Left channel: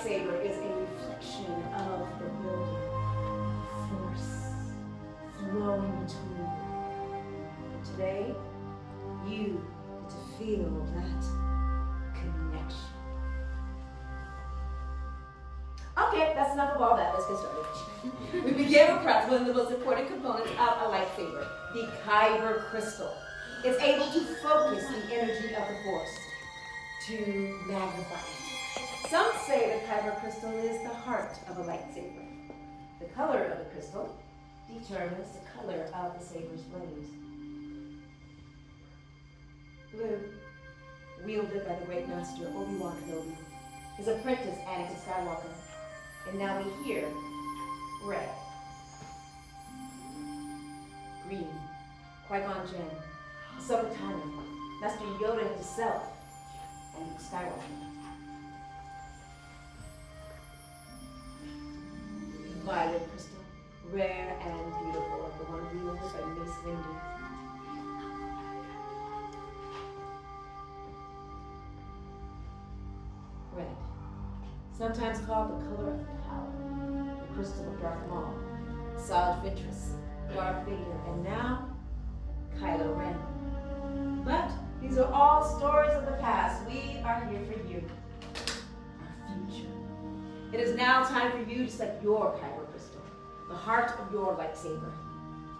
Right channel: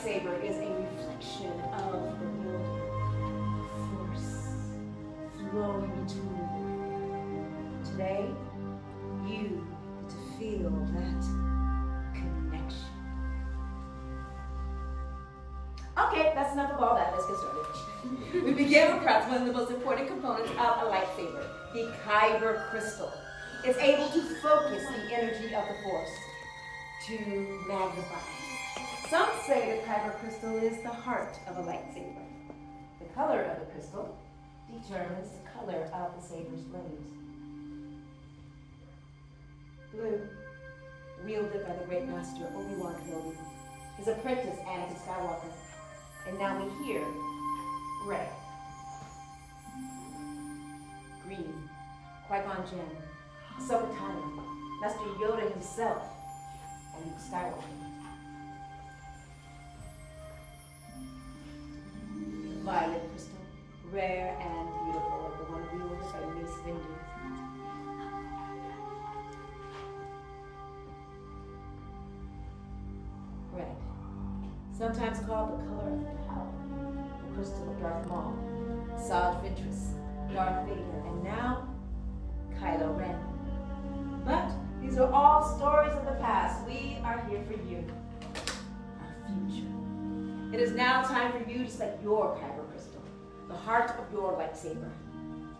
lightsaber is a reflection of the building, force flowing between you. Today, you get to feel that connection. Okay, that's enough of all that. Let's get started. We begin with perhaps one of the most important components of a lightsaber, the kyber crystal. It's able to focus the energy of the force to magnify it. Some say the kyber crystal is the heart of a lightsaber. The color of the crystal determines the color of the saber's blades. Blue, wielded by the great master Obi-Wan Kenobi, his apprentice Anakin Skywalker. And now we hear red. Green, Qui-Gon Jinn, Ahsoka Tano, Master Yoda himself, and Luke Skywalker. The violet crystal, rare and beautiful, the one wielded by Mace Windu. Red, sometimes called the color of power, the crystal of Darth Maul, Saj Ventress, Darth Vader, and now Kylo Ren. But these are all stories of the past. We are here for you, our future. It is now time for you to select your kyber crystal, the heart of your lightsaber.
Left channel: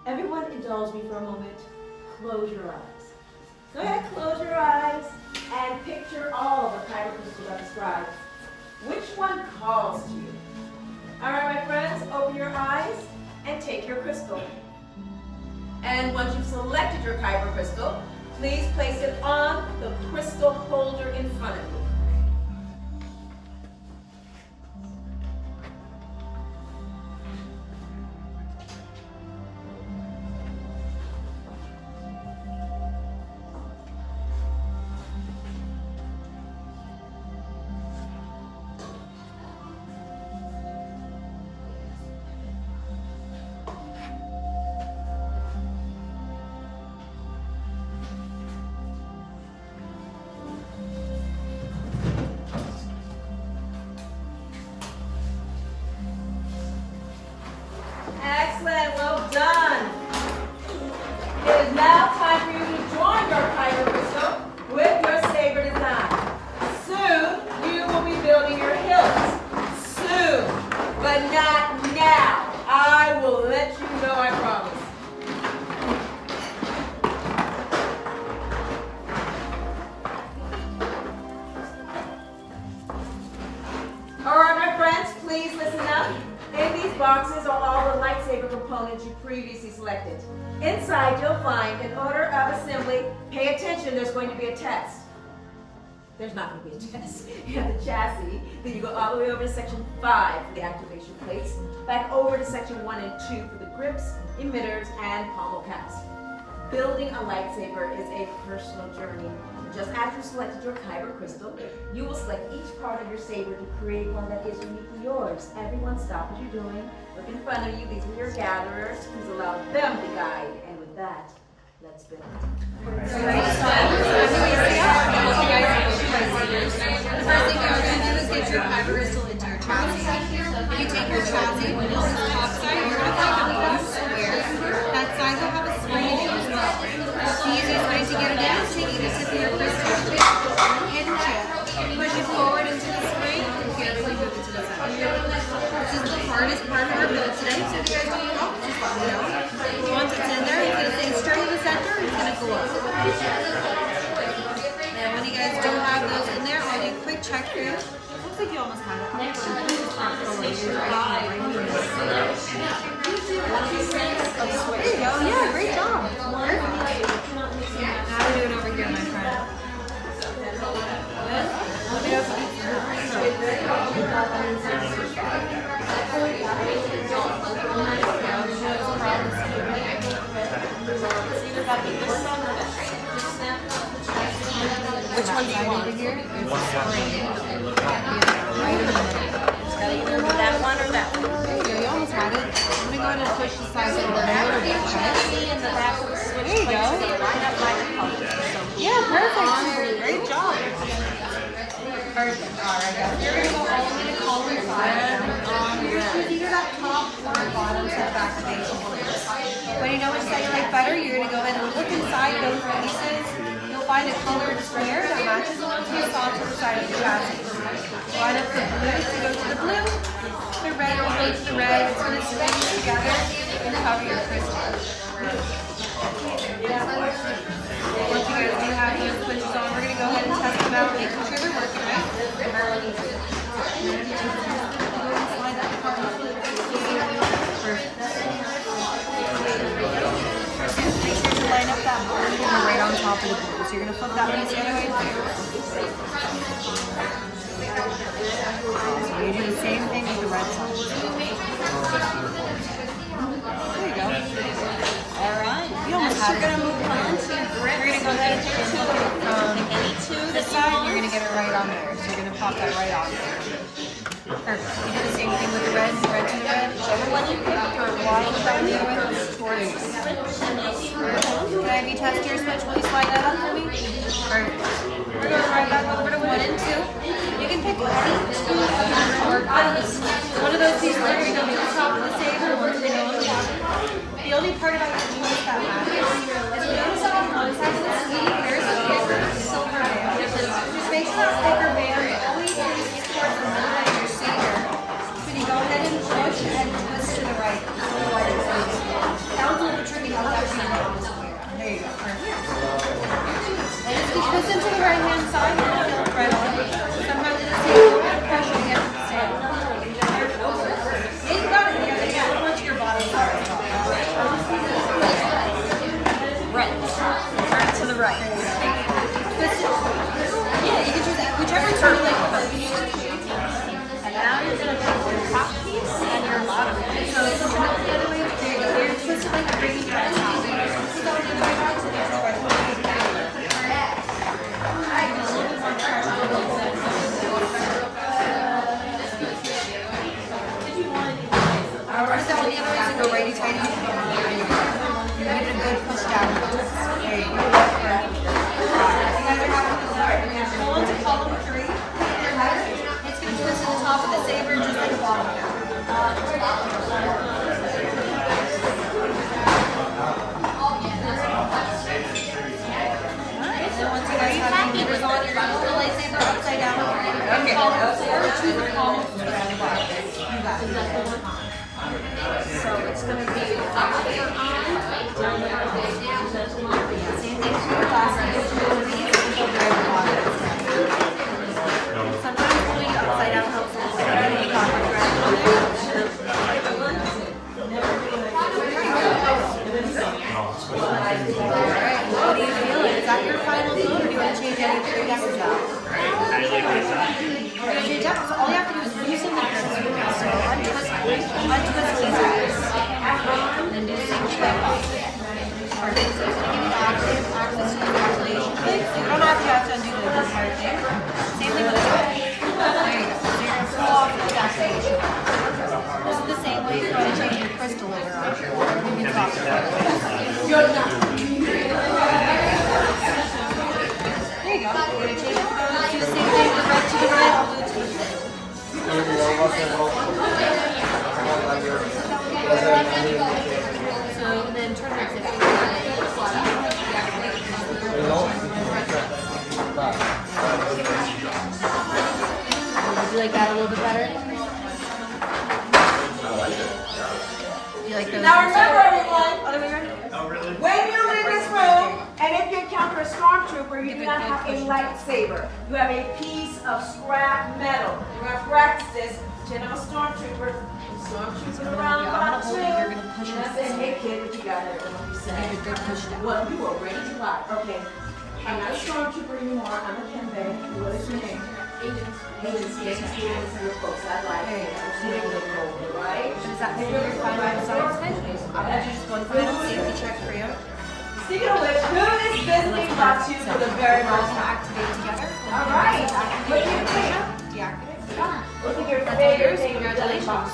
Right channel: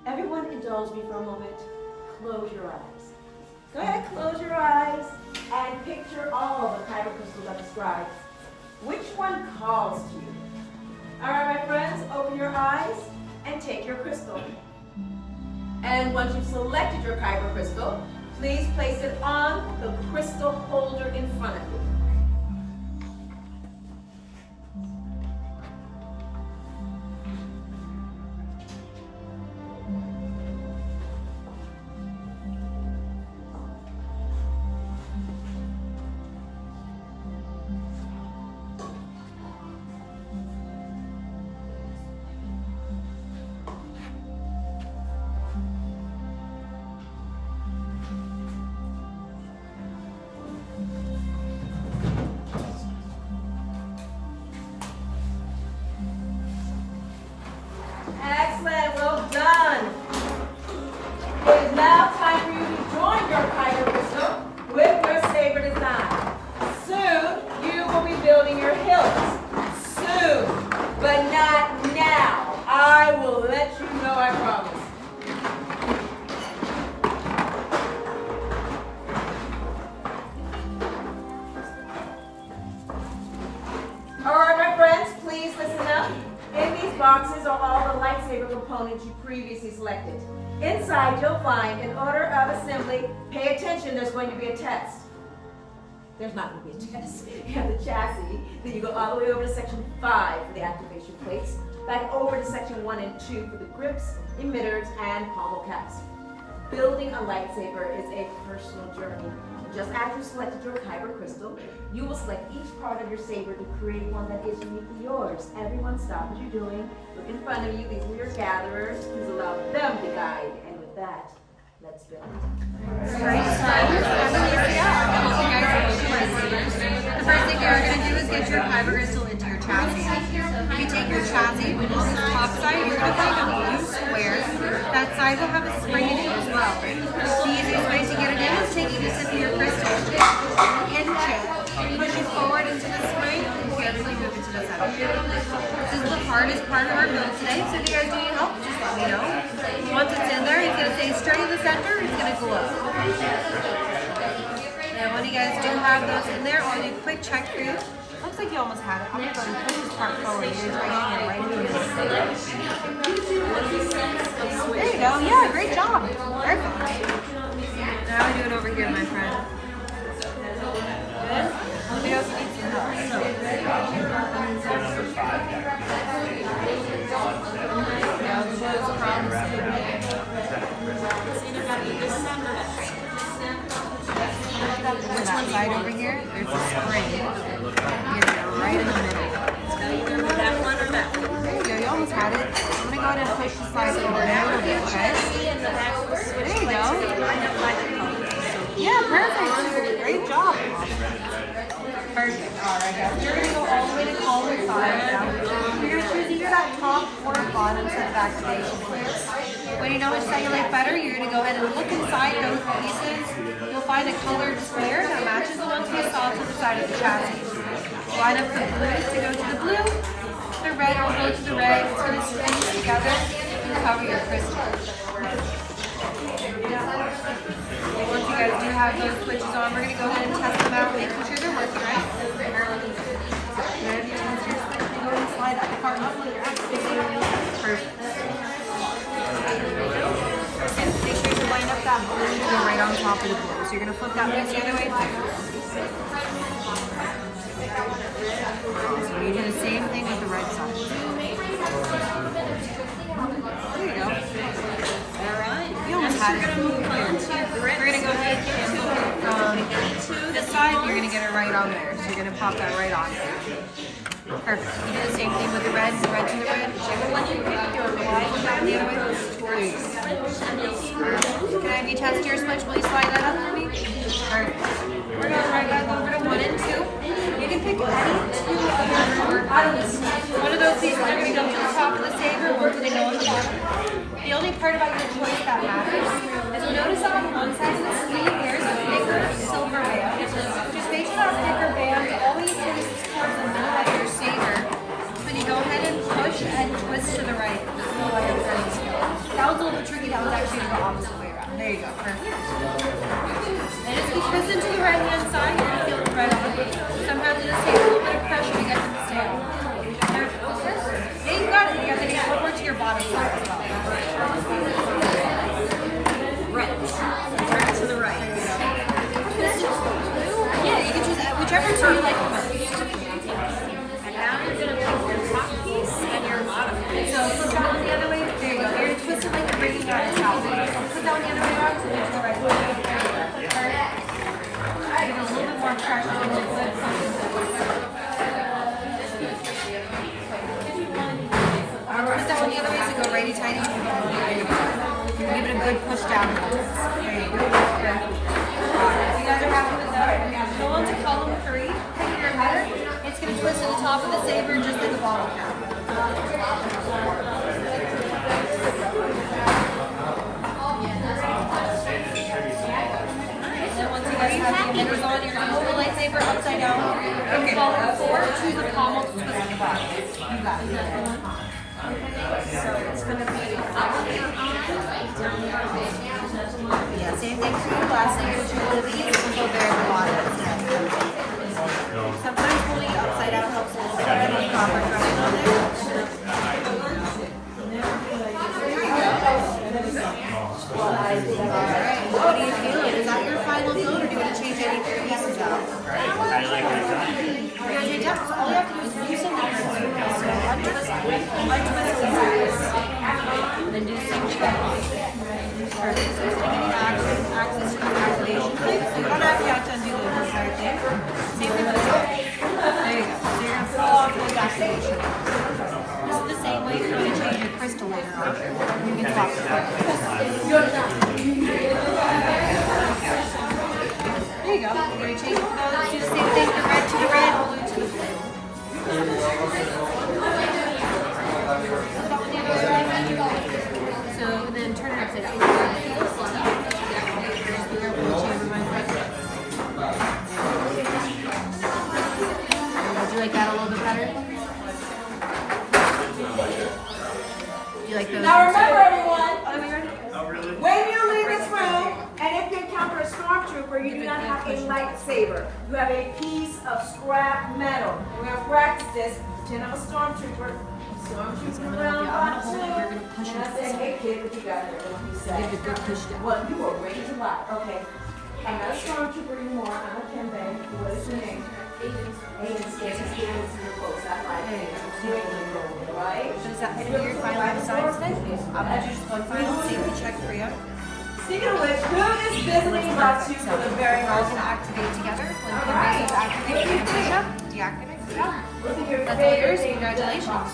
Everyone indulge me for a moment. Close your eyes. Go ahead, close your eyes and picture all of the kyber crystals I described. Which one calls to you? All right, my friends, open your eyes and take your crystal. And once you've selected your kyber crystal, please place it on the crystal holder in front of you. Excellent, well done. It is now time for you to join your kyber crystal with your saber design. Soon, you will be building your hilt. Soon, but not now. I will let you know, I promise. All right, my friends, please listen up. In these boxes are all the lightsaber components you previously selected. Inside, you'll find an order of assembly. Pay attention, there's going to be a test. There's not going to be a test. You have the chassis, then you go all the way over to section 5 for the activation plates, back over to section 1 and 2 for the grips, emitters, and pommel caps. Building a lightsaber is a personal journey. Just as you selected your kyber crystal, you will select each part of your saber to create one that is uniquely yours. Everyone stop what you're doing. Look in front of you. These are your gatherers. Please allow them to guide. And with that, let's build. Great stuff. I'm Alicia. I hope you guys build your lightsabers. The first thing you're going to do is get your kyber crystal into your chassis. You take your chassis, which is the top side, you're going to find a blue square. That side will have a spring in it as well. The easiest way to get it in is taking the tip of your crystal, hinge it, push it forward into the spring, and carefully move it to the center. This is the hardest part of our build today, so if you guys need help, just let me know. Once it's in there, it's going to stay straight in the center, it's going to glow. And when you guys do have those in there, I'll do a quick check for you. Looks like you almost had it. I'm going to push this part forward. Right in the middle. There you go. Yeah, great job. Perfect. Now we're doing over here, my friend. Good? Let me know if you need some help. That side over here, there's a spring. You go right in the middle. It's got to either be that one or that one. There you go, you almost had it. I'm going to go ahead and push the side forward a little bit, okay? There you go. Yeah, perfect. Great job. Perfect. Alright guys, you're going to go all the way to column 5 now. You're choosing either that top or bottom set of activation points. When you know which side you like better, you're going to go ahead and look inside those pieces. You'll find a colored square that matches the ones you saw to the side of the chassis. Line up the blue to go to the blue. The red will go to the red. It's going to swing together and cover your crystal. Once you guys do have those switches on, we're going to go ahead and test them out, making sure they're working right. Perfect. Make sure you line up that blue to go right on top of the blue. So you're going to flip that piece the other way. So you do the same thing with the red side. There you go. Alright. You almost had it. We're going to go ahead and look at this side. You're going to get it right on there. So you're going to pop that right on there. Perfect. You do the same thing with the red to the red. Can I have you test your switch? Will you slide that up for me? Perfect. We're going right back over to 1 and 2. You can pick any 2 other short buttons. One of those pieces are going to go to the top of the saber, one's going to go on the bottom. The only part about your choice that matters is notice on one side of the sleeve there's a thicker silver band. Just make sure that thicker band always faces towards the middle of your saber. So you go ahead and push and twist to the right. That was a little bit tricky. That was actually the opposite way around. There you go. Perfect. And as you twist into the right hand side, you can feel it right on. Sometimes it's a little bit of pressure to get to the sail. Yeah, you got it. You got to get over to your bottom side as well. Right. To the right. Yeah, you can choose whichever two you like the most. And now you're going to put your top piece and your bottom piece. So twist that one the other way. There you go. You're going to twist it like you're bringing out a towel. Twist that one the other way around so you can right away. Give it a little bit more pressure. Twist that one the other way so go right and tight. Give it a good push down. There you go. Perfect. You guys are happy with that? Go on to column 3. Pick your header. It's going to twist to the top of the saber just like the bottom now. And then once you guys have the emitters on, you're going to hold the lightsaber upside down. In column 4, choose the pommel to twist to the bottom. You got it. So it's going to be same thing for the last sometimes holding it upside down helps a little bit better than you got my thread on there. Alright, what do you feel like? Is that your final coat or do you want to change any pieces out? How do you like this one? So all you have to do is loosen the grips. So untwist these guys. And then do some shake. Perfect. So it's going to give you access to the activation plates. So you don't have to undo the entire thing. Same thing with the other. There you go. So you're going to pull off those activation plates. This is the same way you're going to change your crystal later on. You can talk to it. There you go. You're going to change it to those. Do the same thing, the red to the red, blue to the blue. So then turn it to do you like that a little bit better? You like those? Now remember everyone, when you leave this room, and if you encounter a stormtrooper, you do not have a lightsaber. You have a piece of scrap metal. We're going to practice this. Pretend I'm a stormtrooper. Stormtrooper around about 2. And I say, hey kid, what you got here? What you say? Well, you are ready to rock. Okay. I'm not a stormtrooper anymore. I'm a Kimbe. What is your name? Agents. You're close. I like it. Right? Does that make your final results then? I'm going to do just one final safety check for you. Speaking of which, who is visiting brought to you for the very We're all first going to time? activate together. When All you right. activate, you're going to push up, deactivate, good job. Look at your That's all favorite yours. thing Congratulations.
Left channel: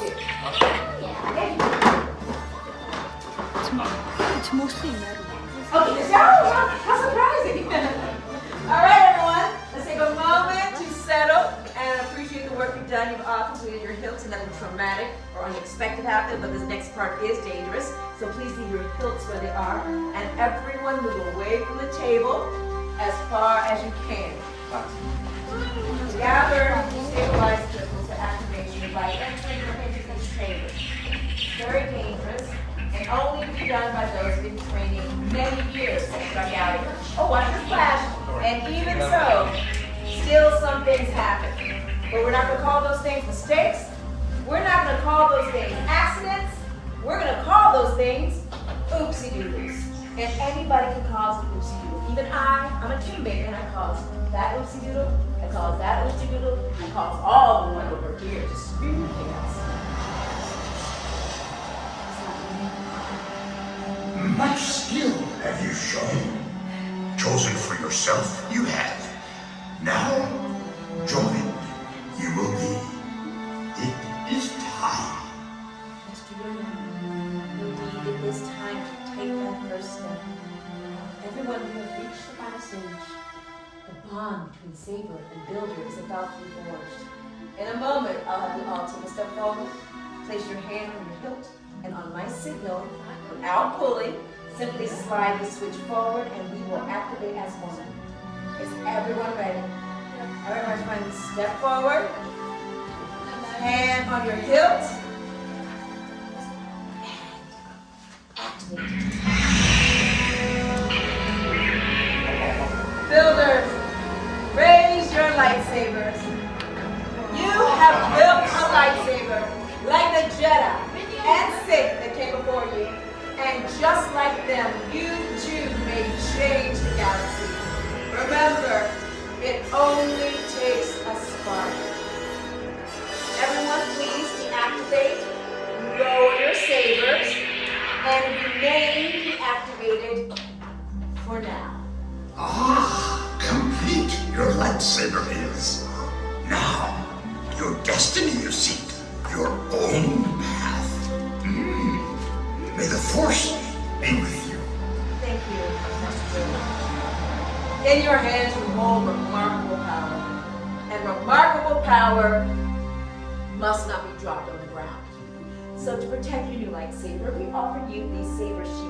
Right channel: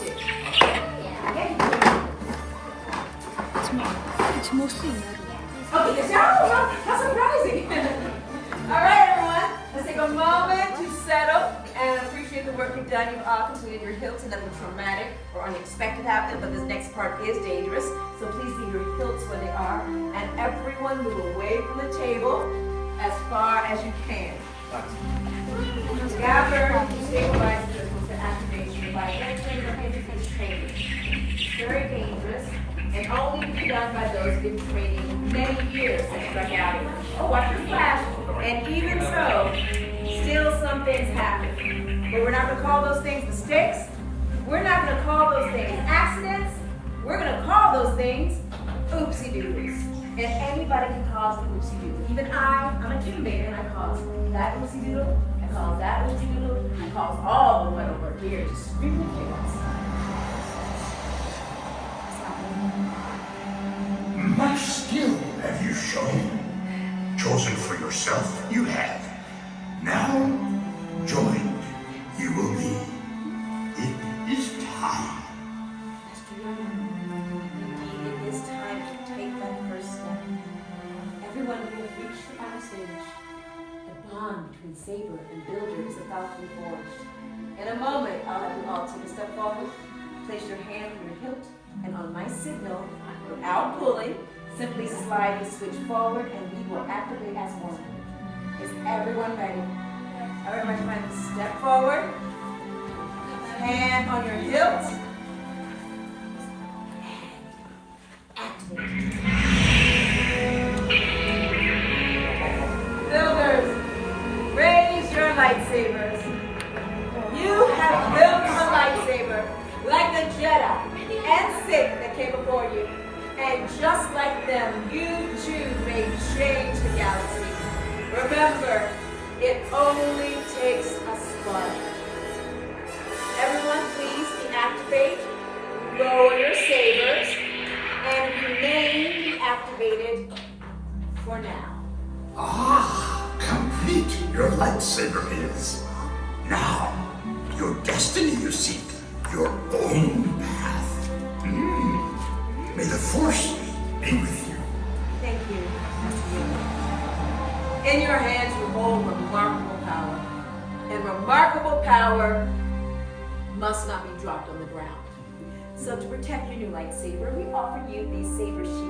It's mostly metal. Oh, yes, how surprising. All right, everyone. Let's take a moment to settle and appreciate the work you've done. You've all completed your hilts and nothing traumatic or unexpected happened, but this next part is dangerous. So please leave your hilts where they are, and everyone move away from the table as far as you can. Gather, stabilize vehicles for activation by entering or into these chambers. Very dangerous, and only be done by those in training many years since our gathering. Oh, watch the flash. And even so, still some things happen. But we're not going to call those things mistakes. We're not going to call those things accidents. We're going to call those things oopsie-doodles. And anybody can cause an oopsie-doodle. Even I'm a teammate, and I cause that oopsie-doodle. I cause that oopsie-doodle. I cause all the way over here to scream the chaos. Much skill have you shown. Chosen for yourself, you have. Now, joined, you will be. It is time. Mr. William, indeed it is time to take that first step. Everyone who has reached the final stage, the bond between Saber and Builder is about to be forged. In a moment, I'll have you all take a step forward, place your hand on your hilt, and on my signal, without pulling, simply slide the switch forward and we will activate as one. Is everyone ready? All right, my friends, step forward. Hand on your hilt. And activate. Builders, raise your lightsabers. You have built a lightsaber like the Jedi and Sith that came before you. And just like them, you too may change the galaxy. Remember, it only takes a spark. Everyone, please deactivate, lower your sabers, and remain deactivated for now. Ah, complete your lightsaber is. Now, your destiny you seek, your own path. May the Force be with you. Thank you. In your hands you hold remarkable power. And remarkable power must not be dropped on the ground. So to protect your new lightsaber, we offer you these saber shields.